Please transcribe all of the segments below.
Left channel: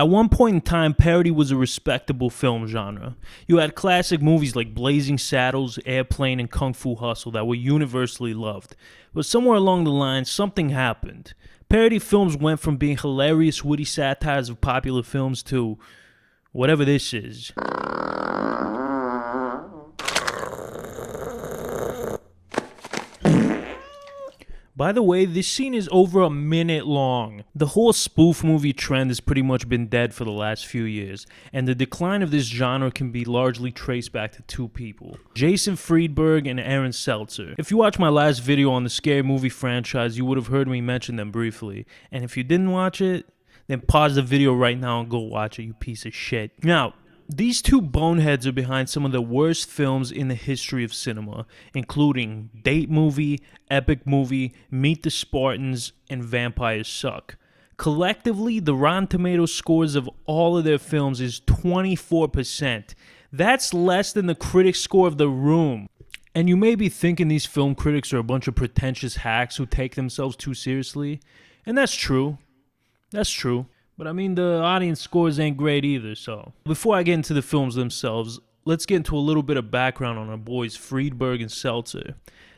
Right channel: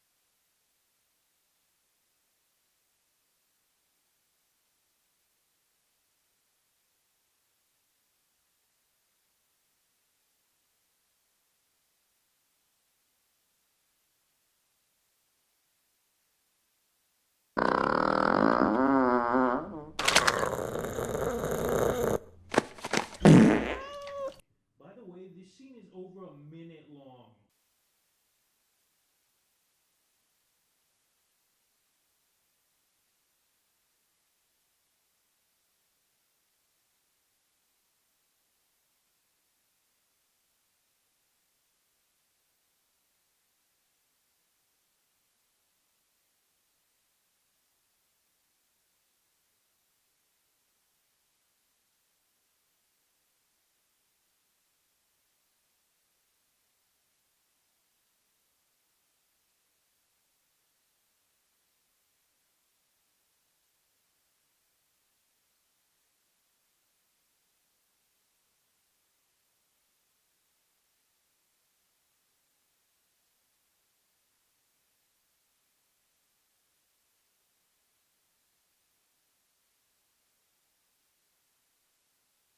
At one point in time, parody was a respectable film genre. You had classic movies like Blazing Saddles, Airplane, and Kung Fu Hustle that were universally loved. But somewhere along the line, something happened. Parody films went from being hilarious, witty satires of popular films to whatever this is. By the way, this scene is over a minute long. The whole spoof movie trend has pretty much been dead for the last few years, and the decline of this genre can be largely traced back to two people, Jason Friedberg and Aaron Seltzer. If you watched my last video on the scary movie franchise, you would have heard me mention them briefly, and if you didn't watch it, then pause the video right now and go watch it, you piece of shit. Now, these two boneheads are behind some of the worst films in the history of cinema, including Date Movie, Epic Movie, Meet the Spartans, and Vampires Suck. Collectively, the Rotten Tomatoes scores of all of their films is 24%. That's less than the critics' score of The Room. And you may be thinking these film critics are a bunch of pretentious hacks who take themselves too seriously. And that's true. That's true. But I mean, the audience scores ain't great either, so. Before I get into the films themselves, let's get into a little bit of background on our boys Friedberg and Seltzer.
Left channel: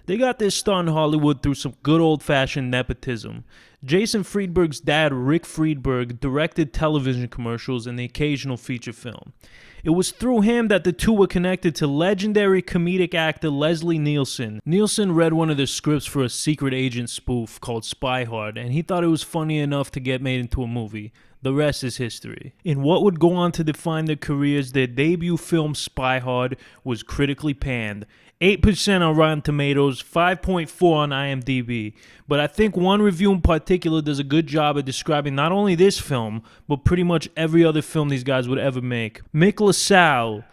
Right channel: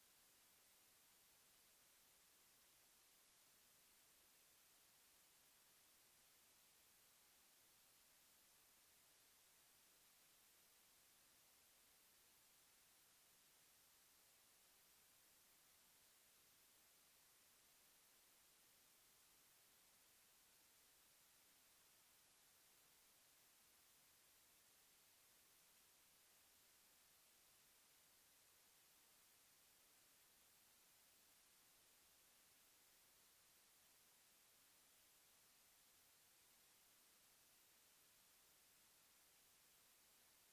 They got their start in Hollywood through some good old-fashioned nepotism. Jason Friedberg's dad, Rick Friedberg, directed television commercials and the occasional feature film. It was through him that the two were connected to legendary comedic actor Leslie Nielsen. Nielsen read one of their scripts for a secret agent spoof called Spy Hard, and he thought it was funny enough to get made into a movie. The rest is history. In what would go on to define their careers, their debut film Spy Hard was critically panned. 8% on Rotten Tomatoes, 5.4 on IMDb. But I think one review in particular does a good job of describing not only this film, but pretty much every other film these guys would ever make. Mick LaSalle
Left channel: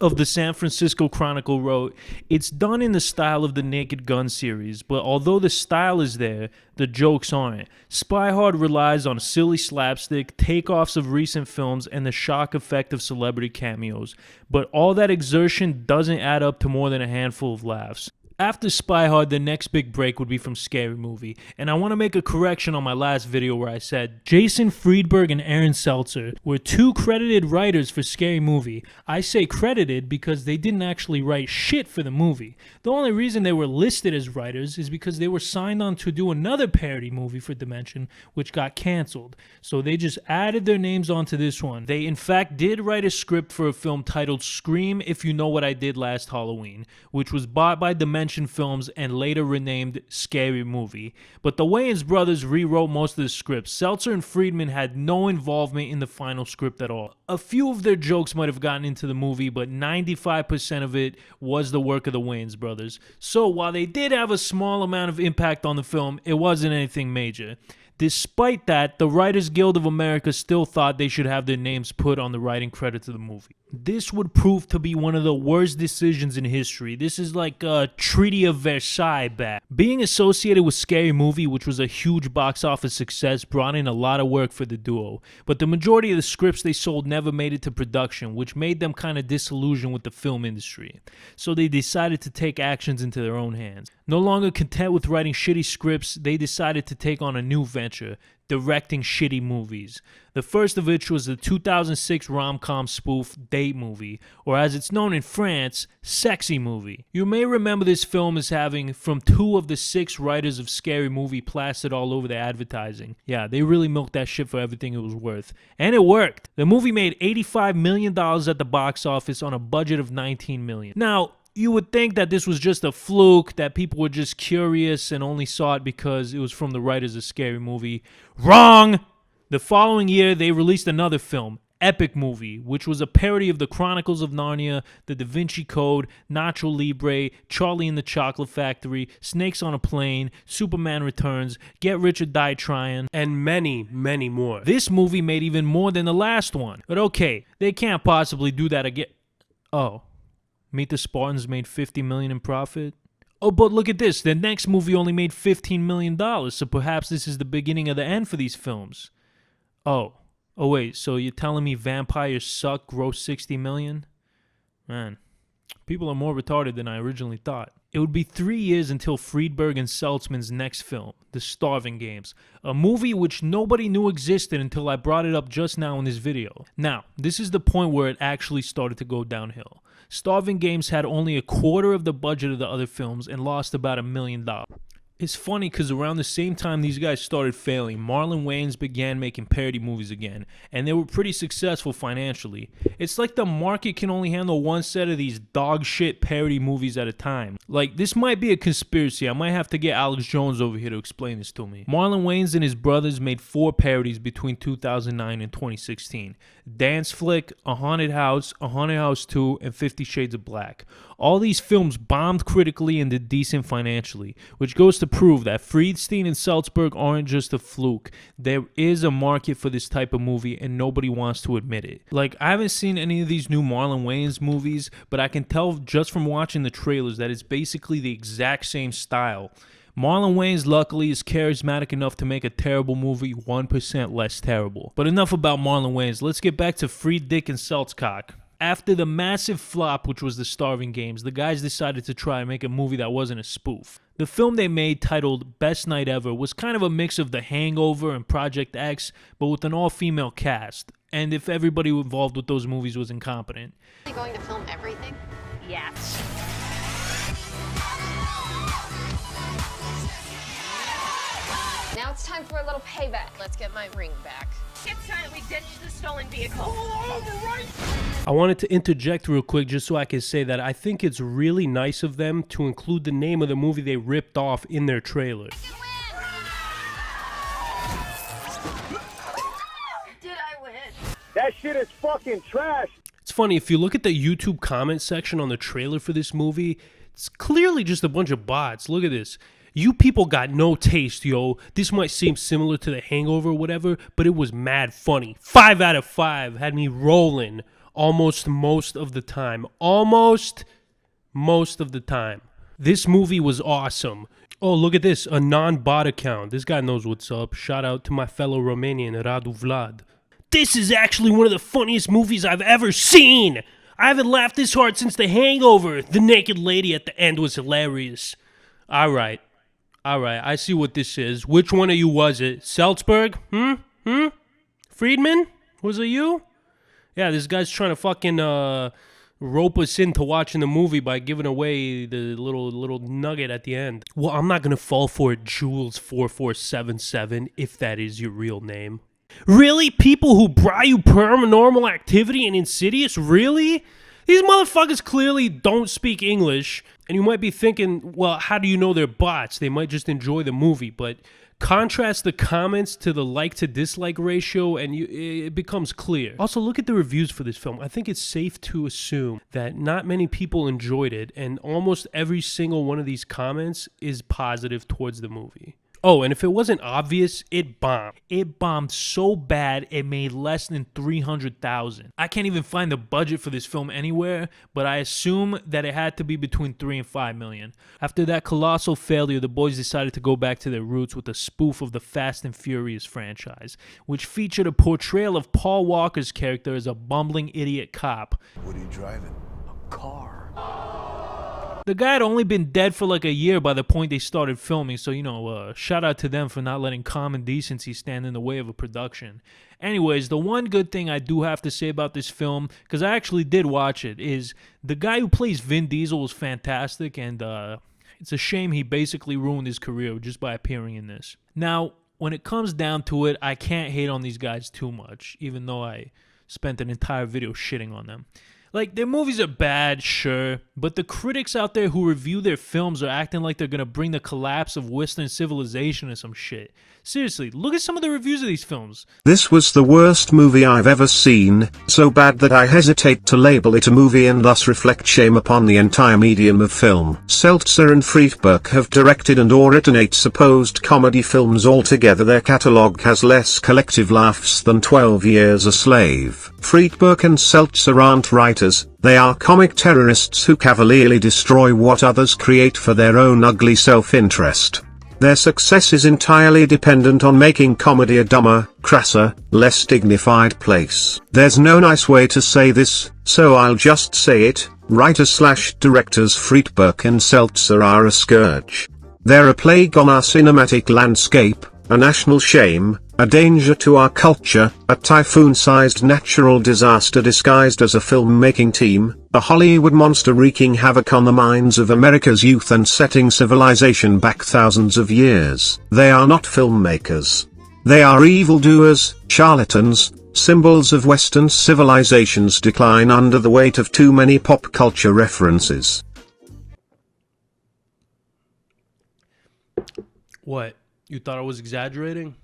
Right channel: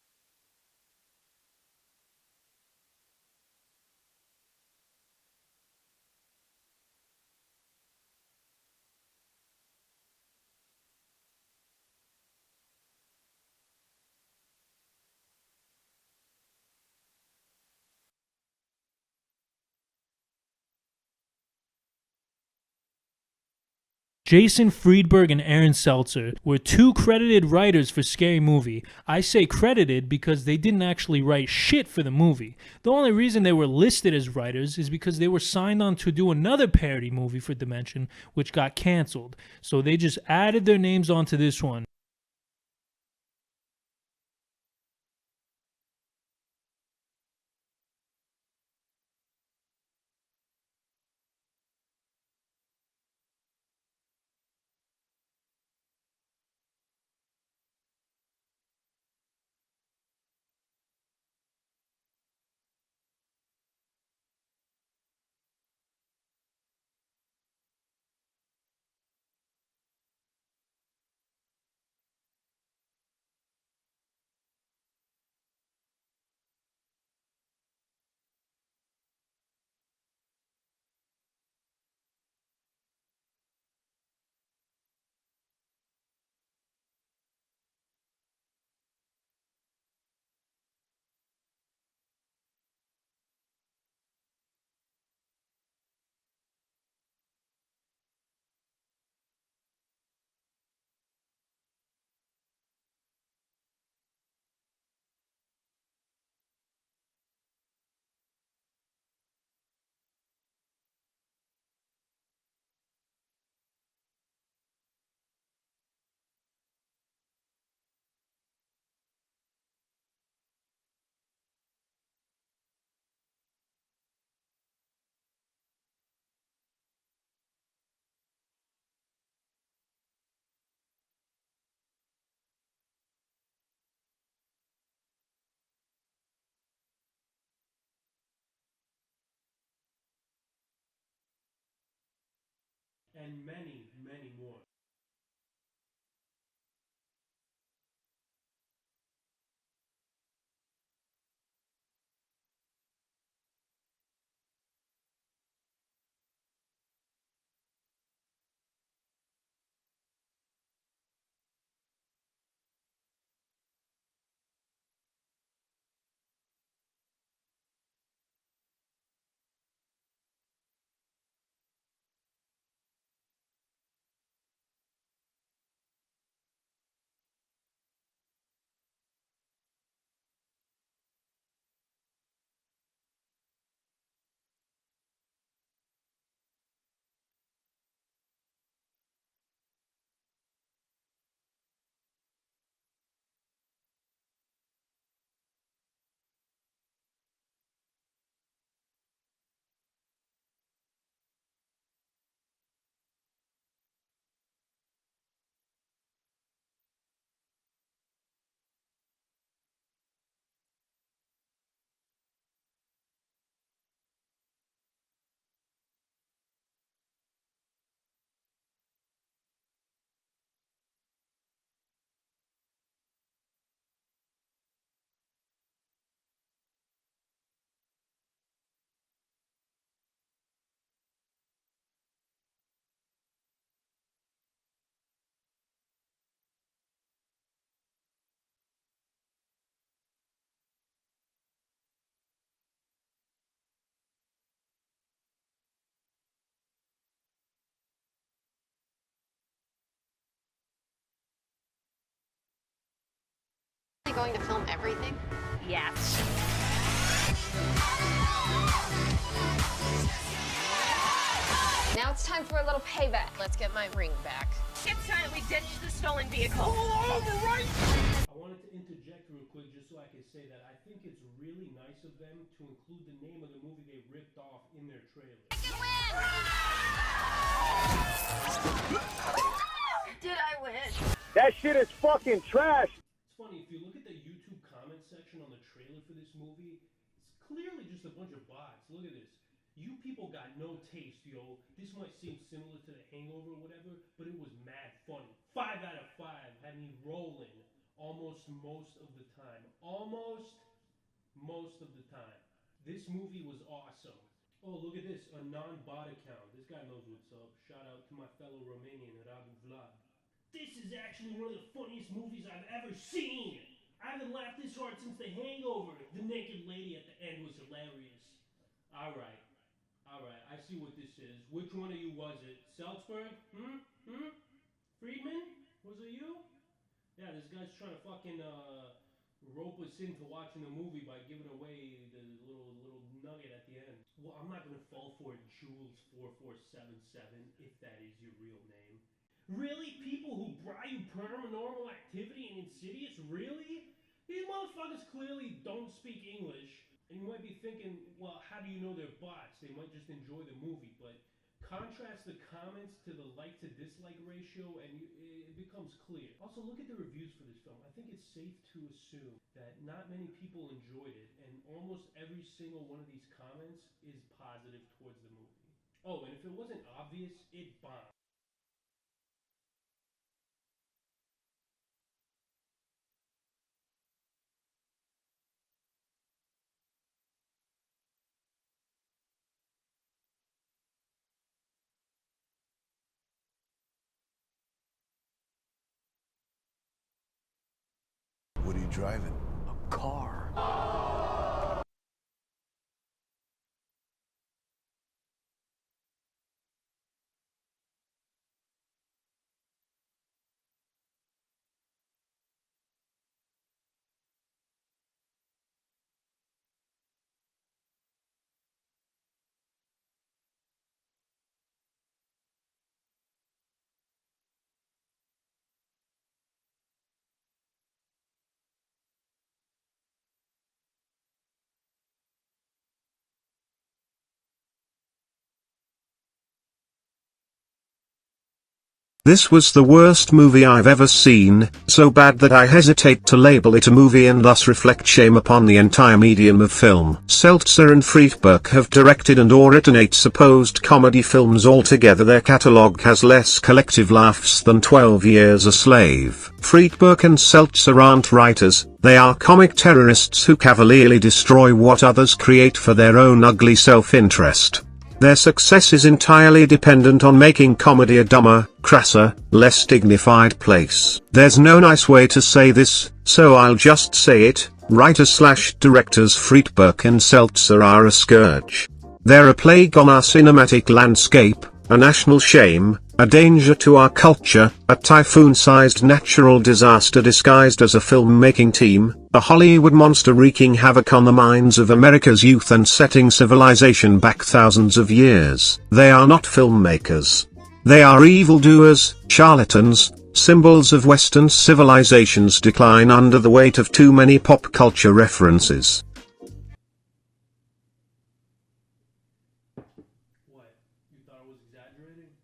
of the San Francisco Chronicle wrote, "It's done in the style of the Naked Gun series, but although the style is there, the jokes aren't. Spy Hard relies on silly slapstick, takeoffs of recent films, and the shock effect of celebrity cameos. But all that exertion doesn't add up to more than a handful of laughs." After Spy Hard, the next big break would be from Scary Movie. And I want to make a correction on my last video where I said Jason Friedberg and Aaron Seltzer were two credited writers for Scary Movie. I say credited because they didn't actually write shit for the movie. The only reason they were listed as writers is because they were signed on to do another parody movie for Dimension, which got canceled. So they just added their names onto this one. They in fact did write a script for a film titled Scream If You Know What I Did Last Halloween, which was bought by Dimension Films and later renamed Scary Movie. But the Wayans brothers rewrote most of the script. Seltzer and Friedman had no involvement in the final script at all. A few of their jokes might have gotten into the movie, but 95% of it was the work of the Wayans brothers. So while they did have a small amount of impact on the film, it wasn't anything major. Despite that, the Writers Guild of America still thought they should have their names put on the writing credits of the movie. This would prove to be one of the worst decisions in history. This is like a Treaty of Versailles bad. Being associated with Scary Movie, which was a huge box office success, brought in a lot of work for the duo. But the majority of the scripts they sold never made it to production, which made them kind of disillusioned with the film industry. So they decided to take actions into their own hands. No longer content with writing shitty scripts, they decided to take on a new venture, directing shitty movies. The first of which was the 2006 rom-com spoof Date Movie, or as it's known in France, Sexy Movie. You may remember this film as having from 2 of the 6 writers of Scary Movie plastered all over their advertising. Yeah, they really milked that shit for everything it was worth. And it worked. The movie made $85 million at the box office on a budget of $19 million. Now, you would think that this was just a fluke, that people were just curious and only saw it because it was from the writers of Scary Movie. Wrong! The following year, they released another film, Epic Movie, which was a parody of the Chronicles of Narnia, The Da Vinci Code, Nacho Libre, Charlie and the Chocolate Factory, Snakes on a Plane, Superman Returns, Get Rich or Die Tryin', and many, many more. This movie made even more than the last one. But okay, they can't possibly do that again. Oh. Meet the Spartans made $50 million in profit? Oh, but look at this. The next movie only made $15 million, so perhaps this is the beginning of the end for these films. Oh wait, so you're telling me Vampires Suck grossed $60 million? Man, People are more retarded than I originally thought. It would be 3 years until Friedberg and Seltzman's next film, The Starving Games, a movie which nobody knew existed until I brought it up just now in this video. Now, this is the point where it actually started to go downhill. Starving Games had only a quarter of the budget of the other films and lost about $1 million. It's funny because around the same time these guys started failing, Marlon Wayans began making parody movies again, and they were pretty successful financially. It's like the market can only handle one set of these dog shit parody movies at a time. Like, this might be a conspiracy. I might have to get Alex Jones over here to explain this to me. Marlon Wayans and his brothers made 4 parodies between 2009 and 2016. Dance Flick, A Haunted House 2, and 50 Shades of Black. All these films bombed critically and did decent financially, which goes to prove that Friedstein and Salzberg aren't just a fluke. There is a market for this type of movie and nobody wants to admit it. Like, I haven't seen any of these new Marlon Wayans movies, but I can tell just from watching the trailers that it's basically the exact same style. Marlon Wayans, luckily, is charismatic enough to make a terrible movie 1% less terrible. But enough about Marlon Wayans. Let's get back to Frieddick and Seltzcock. After the massive flop, which was The Starving Games, the guys decided to try and make a movie that wasn't a spoof. The film they made, titled Best Night Ever, was kind of a mix of The Hangover and Project X, but with an all-female cast. And if everybody involved with those movies was incompetent. Are you going to film everything? Yes. Now it's time for a little payback. Let's get my ring back. It's time we ditch the stolen vehicle. Pull over, right? I wanted to interject real quick just so I can say that I think it's really nice of them to include the name of the movie they ripped off in their trailer. Did I win? That shit is fucking trash. It's funny, if you look at the YouTube comment section on the trailer for this movie, it's clearly just a bunch of bots. Look at this. You people got no taste, yo. This might seem similar to The Hangover or whatever, but it was mad funny. 5 out of 5. Had me rolling almost most of the time. Almost most of the time. This movie was awesome. Oh, look at this. A non-bot account. This guy knows what's up. Shout out to my fellow Romanian, Radu Vlad. This is actually one of the funniest movies I've ever seen. I haven't laughed this hard since The Hangover. The naked lady at the end was hilarious. All right, I see what this is. Which one of you was it? Salzberg? Friedman? Was it you? Yeah, this guy's trying to fucking rope us into watching the movie by giving away the little nugget at the end. Well, I'm not gonna fall for it, Jules4477, if that is your real name. Really? People who brought you Paranormal Activity and Insidious? Really? These motherfuckers clearly don't speak English, and you might be thinking, well, how do you know they're bots? They might just enjoy the movie, but contrast the comments to the like to dislike ratio and it becomes clear. Also, look at the reviews for this film. I think it's safe to assume that not many people enjoyed it, and almost every single one of these comments is positive towards the movie. Oh, and if it wasn't obvious, it bombed. It bombed so bad, it made less than $300,000. I can't even find the budget for this film anywhere, but I assume that it had to be between $3 and $5 million. After that colossal failure, the boys decided to go back to their roots with a spoof of the Fast and Furious franchise, which featured a portrayal of Paul Walker's character as a bumbling idiot cop. What are you driving? A car. The guy had only been dead for like a year by the point they started filming, so, shout out to them for not letting common decency stand in the way of a production. Anyways, the one good thing I do have to say about this film, because I actually did watch it, is the guy who plays Vin Diesel was fantastic, and it's a shame he basically ruined his career just by appearing in this. Now, when it comes down to it, I can't hate on these guys too much, even though I spent an entire video shitting on them. Like, their movies are bad, sure, but the critics out there who review their films are acting like they're gonna bring the collapse of Western civilization or some shit. Seriously, look at some of the reviews of these films. This was the worst movie I've ever seen, so bad that I hesitate to label it a movie and thus reflect shame upon the entire medium of film. Seltzer and Friedberg have directed and or written 8 supposed comedy films altogether. Their catalogue has less collective laughs than 12 Years a Slave. Friedberg and Seltzer aren't writers, they are comic terrorists who cavalierly destroy what others create for their own ugly self-interest. Their success is entirely dependent on making comedy a dumber, crasser, less dignified place. There's no nice way to say this, so I'll just say it. Writers/directors Friedberg and Seltzer are a scourge. They're a plague on our cinematic landscape, a national shame, a danger to our culture, a typhoon-sized natural disaster disguised as a film-making team, a Hollywood monster wreaking havoc on the minds of America's youth and setting civilization back thousands of years. They are not filmmakers. They are evildoers, charlatans, symbols of Western civilization's decline under the weight of too many pop culture references. What? You thought I was exaggerating?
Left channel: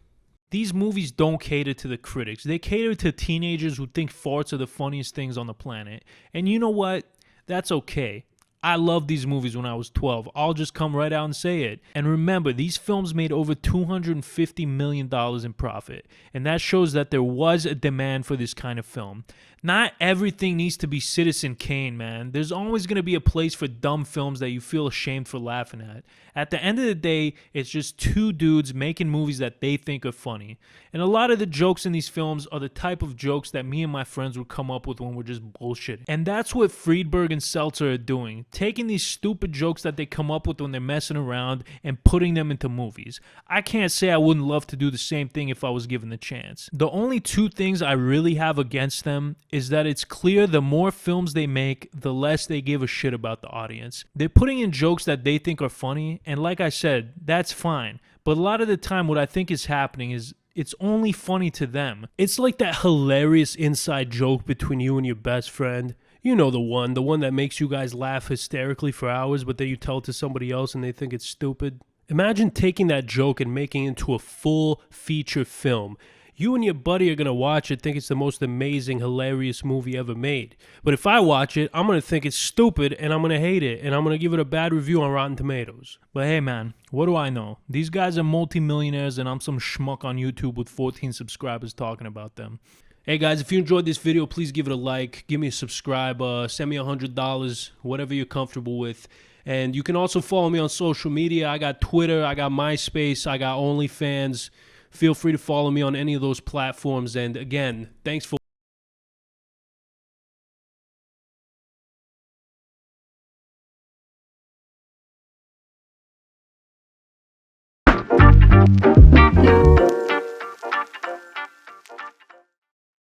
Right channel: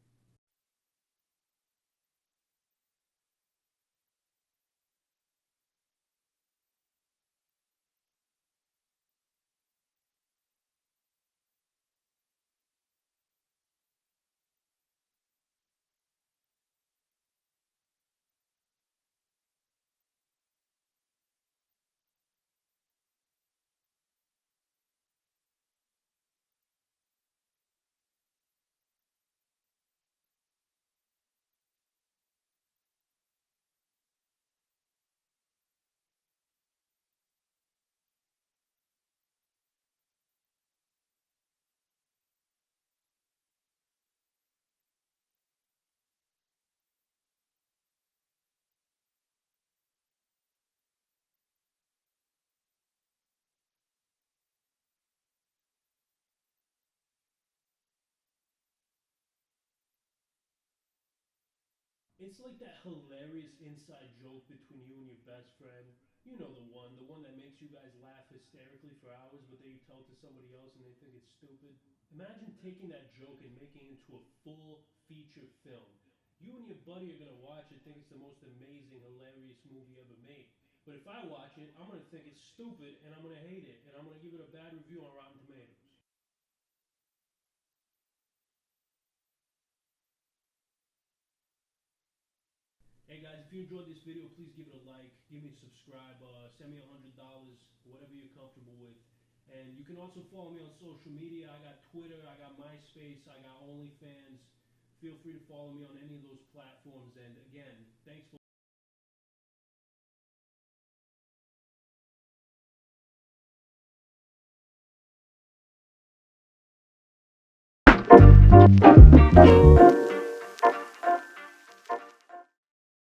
These movies don't cater to the critics. They cater to teenagers who think farts are the funniest things on the planet. And you know what? That's okay. I loved these movies when I was 12. I'll just come right out and say it. And remember, these films made over $250 million in profit. And that shows that there was a demand for this kind of film. Not everything needs to be Citizen Kane, man. There's always going to be a place for dumb films that you feel ashamed for laughing at. At the end of the day, it's just two dudes making movies that they think are funny. And a lot of the jokes in these films are the type of jokes that me and my friends would come up with when we're just bullshitting. And that's what Friedberg and Seltzer are doing. Taking these stupid jokes that they come up with when they're messing around and putting them into movies. I can't say I wouldn't love to do the same thing if I was given the chance. The only two things I really have against them is that it's clear the more films they make, the less they give a shit about the audience. They're putting in jokes that they think are funny, and like I said, that's fine. But a lot of the time what I think is happening is it's only funny to them. It's like that hilarious inside joke between you and your best friend. You know the one that makes you guys laugh hysterically for hours, but then you tell it to somebody else and they think it's stupid. Imagine taking that joke and making it into a full feature film. You and your buddy are going to watch it, think it's the most amazing, hilarious movie ever made. But if I watch it, I'm going to think it's stupid and I'm going to hate it and I'm going to give it a bad review on Rotten Tomatoes. But hey man, what do I know? These guys are multimillionaires and I'm some schmuck on YouTube with 14 subscribers talking about them. Hey guys, if you enjoyed this video, please give it a like, give me a subscribe, send me $100, whatever you're comfortable with. And you can also follow me on social media. I got Twitter, I got MySpace, I got OnlyFans. Feel free to follow me on any of those platforms. And again, thanks for